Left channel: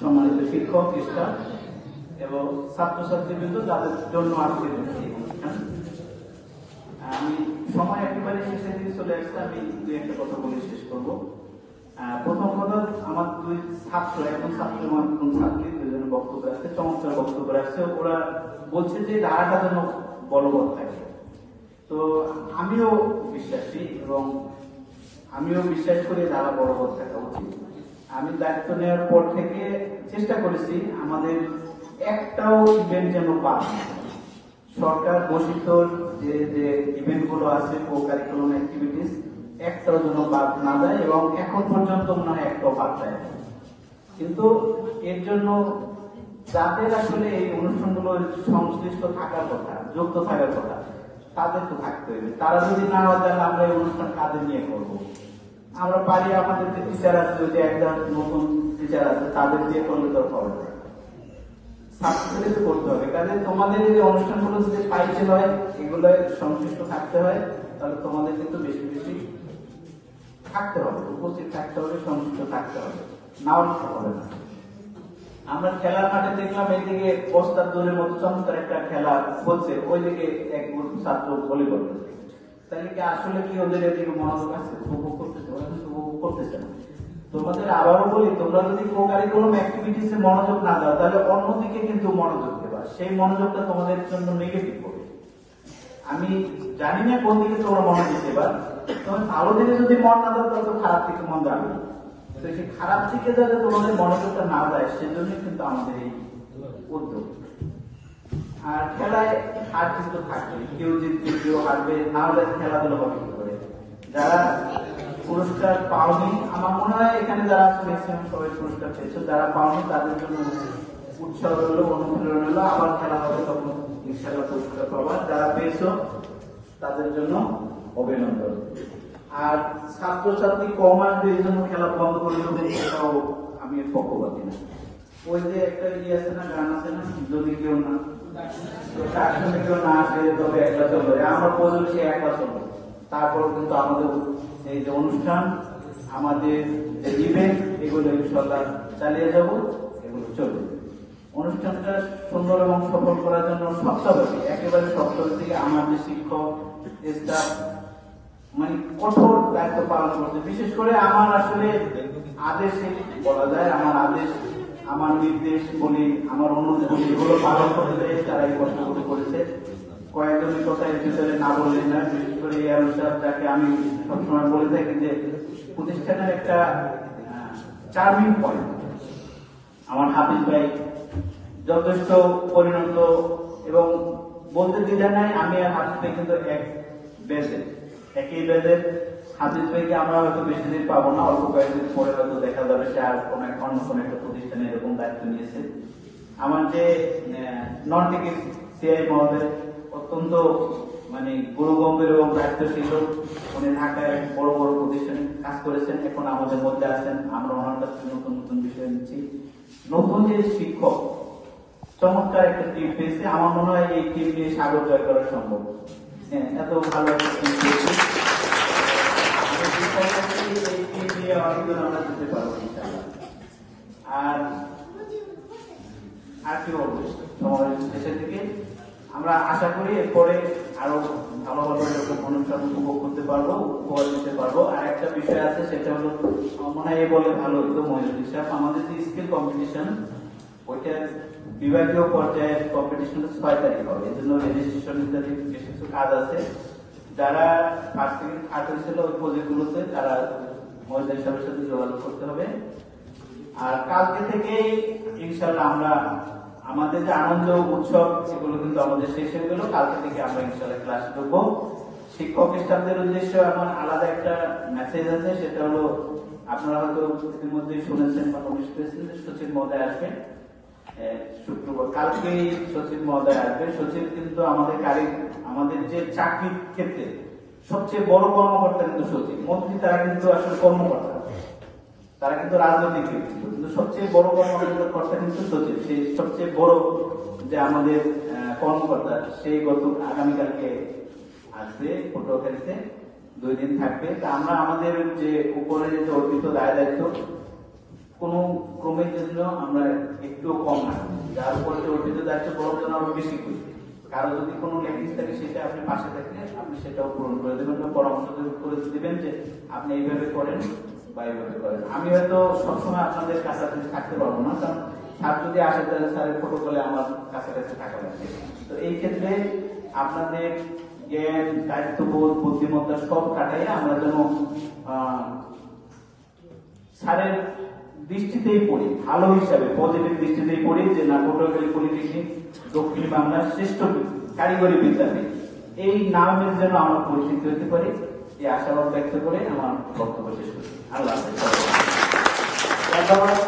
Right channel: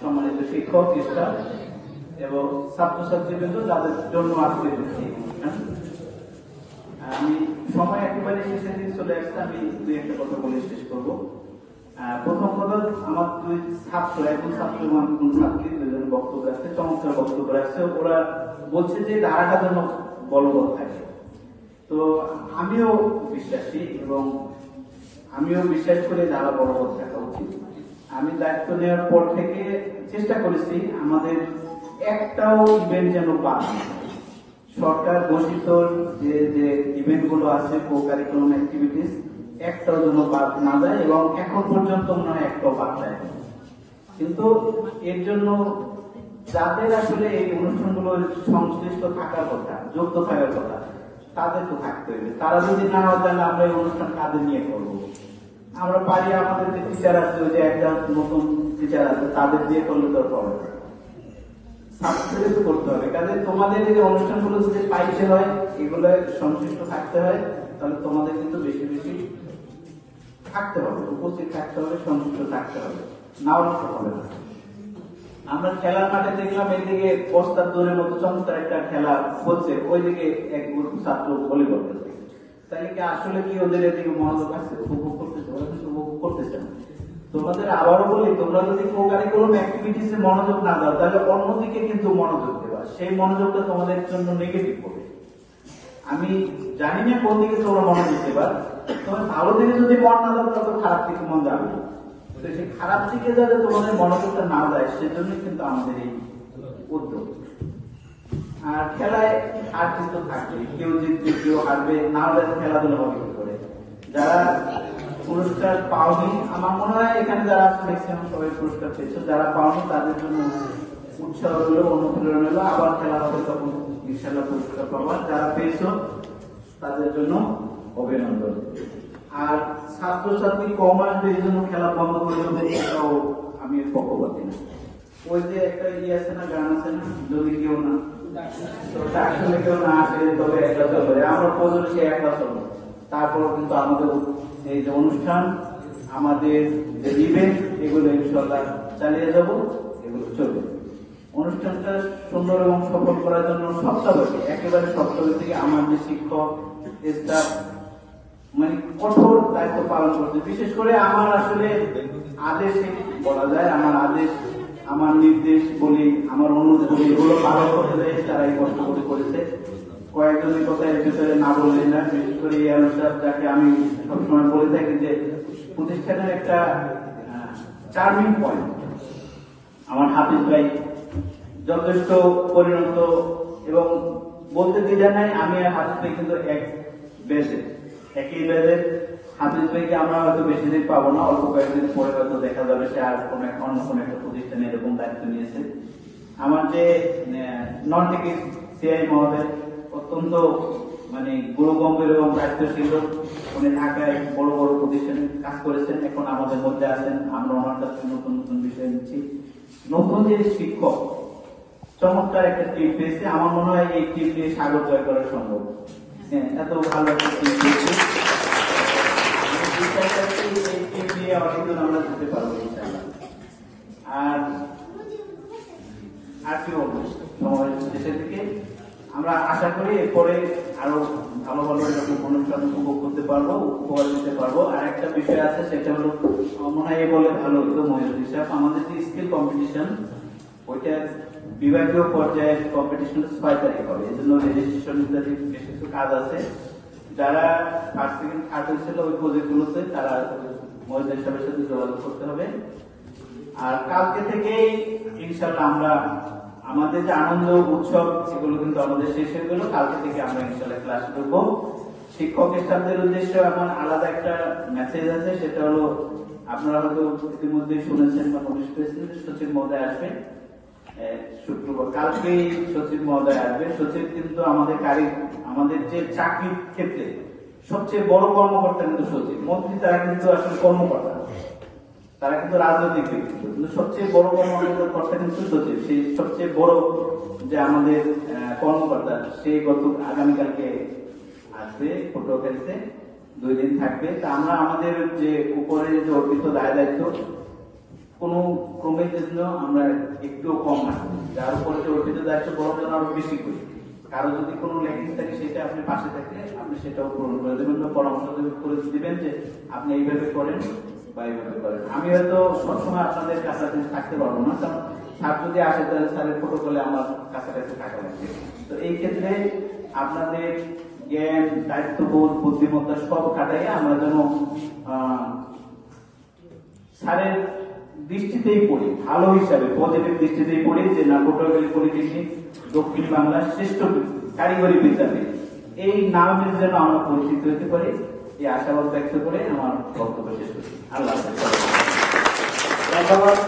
সম্মানিত শিক্ষক, স্টাফ এবং ছাত্রছাত্রীবৃন্দ, তাদের জন্য আজকে আমি সময় একেবারে শেষের দিকে চলে আসছে। আমি দুই একটা কথা বলে শেষ করবো। প্রথম কথা, আমার দুই ছাত্র, একজন ছাত্র এবং একজন ছাত্রী, দুজন বক্তব্য আসছে, চমৎকার বক্তব্য আসছে। ওরা বলছে যে ধারাটা যেন বলবৎ থাকে। তো আমিও বিশ্বাসী এবং আমিও বিশ্বাস করি ধারা বলবৎ থাকা উচিত। আমি দায়িত্ব নেওয়ার পর থেকে চেষ্টা করেছি আমাদের একটাও ইভেন্ট যেন পাস, সরকার ঘোষিত যে যে ইভেন্ট গুলো আছে, কো কারিকুলাম অ্যাক্টিভিটিস, একটাও যেন বাদ না যায় এবং এখন পর্যন্ত মনে হয় একটাও বাদ যায় না। কিন্তু এর জন্য যাদের আসলে এই অনুষ্ঠানগুলো সংশ্লিষ্ট থাকার কথা, যোগ্য থাকার কথা, তাদের তো থাকতে হবে। তারা যদি না হয় তাহলে আমরা এই অনুষ্ঠান কাদের নিয়ে করবো? আমরা পারি আমাদের যে টিচার আছে, যে একদম নতুন টিচার আছে, তাদের দিয়ে করলে তো হবে না, ছাত্রদের করতে হবে। কাজে তোমাদের এই অনুষ্ঠানগুলো যদি পাইতে হয়, এগুলো সংশ্লিষ্ট থাকতে হয়, তাহলে তোমাদের কিন্তু বেশি বেশি থাকতে হবে, উপস্থিত থাকতে হবে, সংশ্লিষ্ট থাকতে হবে, নাও হবে না। আমরা খেলা মাঠে দেখলাম এইদিকে বস্তার দূরের মতো চমৎকার একটা খেলা বলছে, ওইদিকে এক গ্রুপ ছাত্র বলে করতেছে। তাহলে কি আসলে কি ওদের এদিকে মনোযোগ আছে? উপভোগ করতেছে? ওরা কিন্তু উপভোগ করতেছে না। তোমাদের আবারও বলি, তোমরা যদি কারিকুলাম অ্যাক্টিভিটিসে মনোযোগ না দাও, তাহলে অন্যদিকে কিন্তু মনোযোগ দেবা, সেই মনোযোগটা তোমাদের জন্য নেগেটিভ হবে। আমি জানি না কোন দিকে তোমরা মনোযোগ দেবা। তোমার ভালো দিকে যদি মন না দাও, তবে খারাপ দিকে মন যাবে না। সেই খারাপ দিকে যাতে তোমাদের মনোযোগটা না দেয়, সেজন্য কিন্তু আমাদের এই উদ্যোগ। আর খেলায় হার কিন্তু থাকবে, কেউ জিতবে, কেউ হারবে, না হলে খেলাধুলা হবে কি করে? যারা পুরস্কার পাওনি, আমার মনে হয় এখানে যারা ম্যাক্সিমাম সবাই পুরস্কার পেয়েছে, যারা পাওনি তাদের জন্য উৎসাহ হলো, অনুপ্রেরণা হলো, আবার খেলা হবে, তখন ইনশাআল্লাহ পুরস্কার পাবার। যারা পেয়েছ তাদের জন্য অভিনন্দন। আর ছাত্রছাত্রী কমান্ডের জন্য খেলা বন্ধ করে দেবে, এটাও আমি পক্ষপাতী না। ওই যে একটা আছে না, গান আছে না, যদি কেউ না কেউ না আসে তবে একলা চলবে, আমরা প্রয়োজন সে একলা চলবো। তারপর কিন্তু আমাদের এই যে অনুষ্ঠান, আমাদের যে ইভেন্ট, এগুলো ইনশাআল্লাহ চালিয়ে যাব, এগুলো চলবে। অনুষ্ঠানটা সুন্দর এবং সফল করার জন্য সপ্তাহব্যাপী, একেবারে সপ্তাহব্যাপী আমার যে শিক্ষক, স্টাফ মানে কঠোর দায়িত্ব পালন করছে। বিশেষ করে আমার আসলে আদেশ বলা যায়, আমার আদেশ, আমার নির্দেশ বলি, আমার অনুরোধ বলি, এগুলো পালন করতে চাই, তারা এই কষ্ট করে করেছে। কয়েকজনের কথা এর ভিতরে না বললেন না, বিশেষ করে এই অনুসার, যাকে আমি সবসময় বলে থাকি যে প্রতিষ্ঠানের একটা চার্মিং পয়েন্ট। আমার হাফিজ ভাই যথেষ্ট পরিণত এবং বলতে দ্বিধা নাই, আমি হাফিজ ভাই কিন্তু এক বেজে, একই বেজের হাফিজ ভাইকে আমরা হয়তো বেশি দিন পাবো না, অল্প কয়েকদিন পরে হয়তো দেখা যাবে সে আর অন্য কোনো একটা প্রতিষ্ঠানে এরকম দায়িত্ব নিয়েছে। আমার যে নন টিকিট সিআই মহোদয় অত্যন্ত মানে গুরুগম্ভীর এবং দায়িত্বশীল, উনি ঢাকায় বড় বড় প্রতিষ্ঠানে কাজ করেছেন, এখন আমাদের মধ্যে আছেন। আমরা ওনার কাছে নতুন নতুন বিষয় নিচ্ছি। নতুন যে শিক্ষক, চমৎকার একটা টিম পেয়েছে। আমার মনে হয় এই টিম দিয়ে সাগর জয় করা সম্ভব। হ্যাঁ, এত ভালো একটা টিম পেয়েছে, এই টিম নিয়ে অনেক দিন আমরা দিতে পারবো। আর কি বলবো, দেশের থেকে আমরা আশা করি এরপরে আরো ভালো ভালো এরকম অনুষ্ঠান উপভোগ করতে পারবো, উপহার দিতে পারবো। আর একটা বিষয় আছে, সেটা হলো মনে হয় বলে ভালো হতো মহিলা হিসাব, আমাদের যে স্কিল কম্পিটিশন, ওইটা বিভাগীয় পর্যায়ে কম্পিটিশন 6 তারিখে হবে। এই জন্য রেজিস্ট্রেশন ইত্যাদি বেশ কিছু কাজ আছে। যারা ফার্স্ট সেকেন্ড থার্ড হয়েছিল ওই প্রজেক্ট গুলোতে, তারা মহিলা হিসাবের সাথে যোগাযোগ করতে হবে। আর কালকে থেকেই ইনশাআল্লাহ আমরা আমাদের যে আনন্দ উৎসব, সেগুলো কিন্তু আমাদের শেষ হয়ে গেল। কালকে থেকে আমরা ইনশাআল্লাহ ক্লাস করবো। শিক্ষক স্টাফদের উদ্দেশ্যে আমার আলাদা একটা মেসেজ আছে, সেটা হলো আপনারা হয়তো ইতিমধ্যেই শুনেছেন বা নোটিশ পেয়েছেন যে সচিব মহোদয় আসবেন শুক্রবার। কালকে সচিব মহোদয় আসবে। সচিব কিন্তু আমাদের যে চাকরির ক্ষেত্রে সবচেয়ে বড় কর্মকর্তা কিন্তু সচিব। মন্ত্রী তারা কিন্তু আসলে কর্মকর্তা, তারা কিন্তু রাজনৈতিক ব্যক্তি, কিন্তু সবচেয়ে বড় কর্মকর্তা কিন্তু সচিব। সেই সবচেয়ে বড় যে আমাদের কর্মকর্তা, সেই আগামীকালকে আসবে পটুয়াখালীতে, 2 দিন থাকবে। তা আমরা আমাদের যে উপরে যে অর্পিত দায় দায়িত্ব, কোনো ক্রমের জন্য আমরা একটু কম না, যার উপরে অর্পিত দায়িত্ব বলার জন্য আরো বেশি করি। কারো যদি কোনো ল্যাকিংস থাকে সেটা আপনি পাশে থাকলে আপনি সেটাও পূরণ করে দেবেন বা পরামর্শ করে দিবেন যে আপনি এইভাবে করেন বা এইভাবে করেন। আমি হয়তো সবসময় আপনাদের কাছাকাছি থাকতে পারবো না, কারণ স্যার যদি আসে তাহলে স্যারের প্রোটোকলে আমার কাছাকাছি থাকা লাগবে। তো এই ক্ষেত্রে আপনাদের জ্ঞান, দায়িত্ববোধ, বুদ্ধিমত্তা সব কাটাইয়া আমরা যেন স্যারের দৃষ্টিতেই পড়ি, ভালো হিসাবে পজিটিভ দৃষ্টিতেই পড়ি যে না পটুয়াখালী পলিটেকনিক দক্ষিণ বাংলার শ্রেষ্ঠ কারিগরি বিদ্যাপীঠ, এই নামের জন্য আমরা পরিচিত হতে পারি। এই আশাবাদ ব্যক্ত করে আমার বক্তব্য শেষ করছি। আল্লাহ হাফেজ। ধন্যবাদ।